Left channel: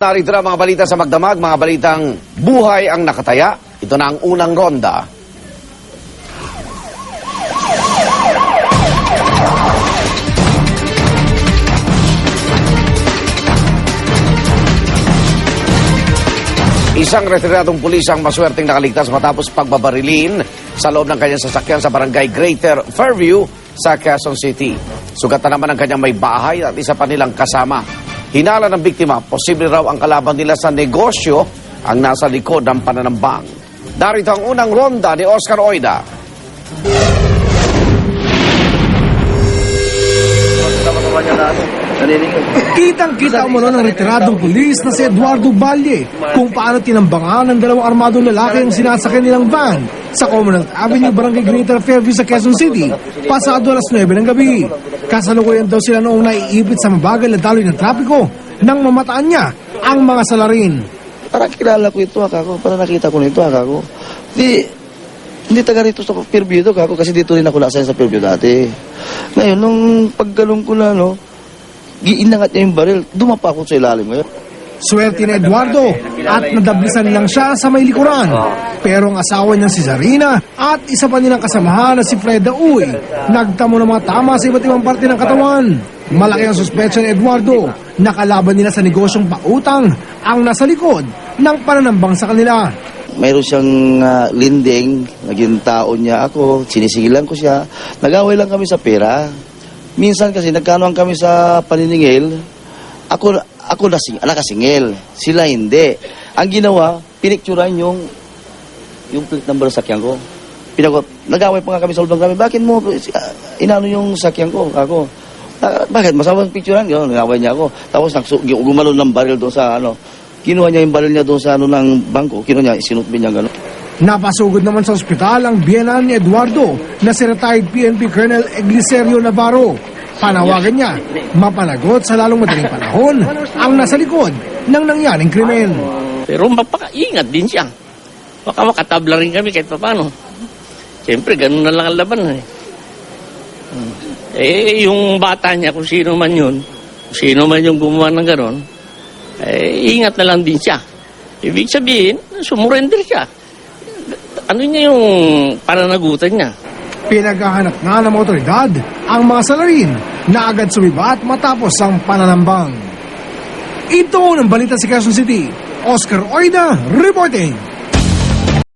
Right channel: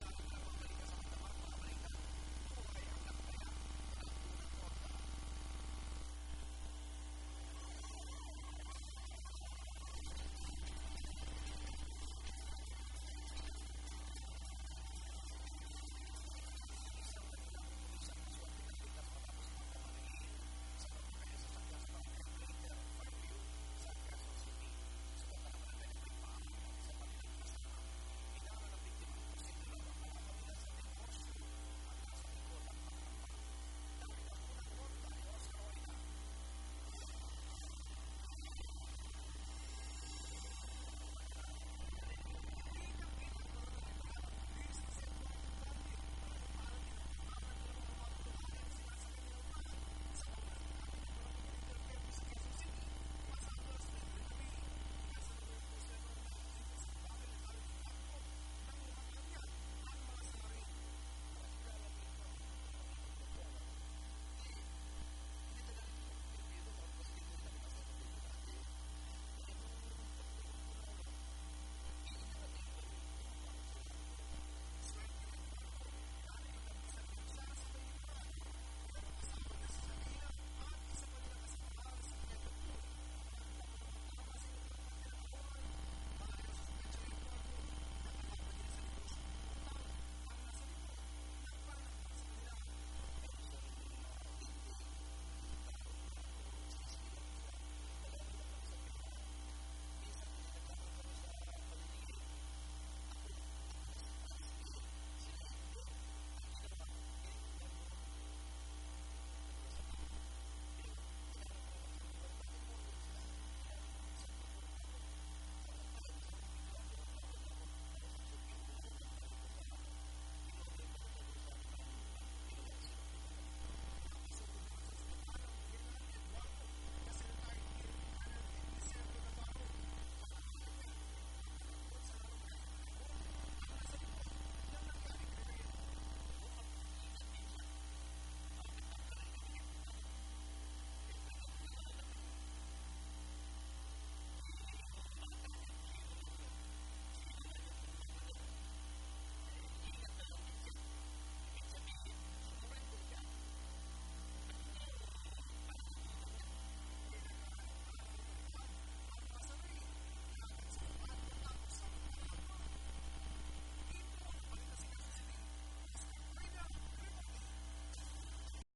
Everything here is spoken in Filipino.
Narito na mga balita sa Magdamag, mga balitang buhay ang nakataya. Ito na ang unang ronda. Isang retiradong pulis ang maswerteng nakaligtas matapos pagbabarilin sa loob ng kanyang sasakyan sa barangay Greater Fairview sa Quezon City. Sugatan naman ang kanyang may bahay at isa pa nilang kasama. Hinala ng biktima, posible raw ang kalaban nila sa negosyo ang nasa likod ng pananambang. Darito ang unang ronda ni Oscar Oida. Kitang-kita mo ng retiradong pulis na si Eduardo Valle kung paano tinambangan ng dalawang armadong lalaki ang sinasakyan nilang van sa Commonwealth Avenue, Barangay Greater Fairview sa Quezon City, pasado alas 9 ng gabi. Kasalukuyan daw sila noong naiipit sa mabagal na daloy ng trapiko nang mamataan niya ang mga salarin. Parang kilala ko ito, ako. Parang nakita ko nito, ako. Hindi taga rito sa Fairview ito, ako. Kasi dito rin ako nasa sa Fairview dati. Ngayon, nung paggalong ko na, giinangat niya yung baril, dumapa ako sa ilalim ngayon. Swerte ni Eduardo at nadablisan lang siya sa may likuran. Pero ang asawa niyang si Zarina at isa pa nilang kasamahan na si Freda Uy, nagtamo ng mga tama sa iba't ibang parte ng katawan. Malaki ang suspetsya ni Eduardo na kalaban nila sa negosyong pautang ang nasa likod ng pananambang sa kanila. Mayroon siyang linding, naging taon niya ako, sinisigilan ko siya. Nag-away lang kami sa pera. Minsan kasi nagkanuan kami sa paniningil, ako nakasingil, sila hindi. Ang ginawa, pinicturan yung plate number sa sakyan ko. Nag-away pa nga kami sa loob ng kami, bakit mo inano yung sakyan ko? Ako, bakit? Masawang picturean? Nag-away niya ako. Tapos gumalo ng baril doon sa kinuha niya yung baril niya doon sa ng bangko, kinuha niya, sinutbin niya gano'n. Napasugod naman sa ospital ang biyenan ni Eduardo na si retired PNP Colonel Egliserio Navarro. Panawagan niya, mapanagot sa lalong madaling panahon ang nasa likod ng nangyaring krimen. Pero mapakaingat din siya. Baka makatabla rin kami kahit paano. Siyempre, ganun na lang ang laban. Yung bata niya, kung sino man yun, kung sino man yung gumawa ng gano'n, ingat na lang din siya. Ibig sabihin, sumurrender siya. Ano niya yung pananagutan niya? Pinaghahanap nga ng mga otoridad ang mga salarin na agad sumibat matapos ang pananambang. Ito ang balita sa Quezon City. Oscar Oida reporting.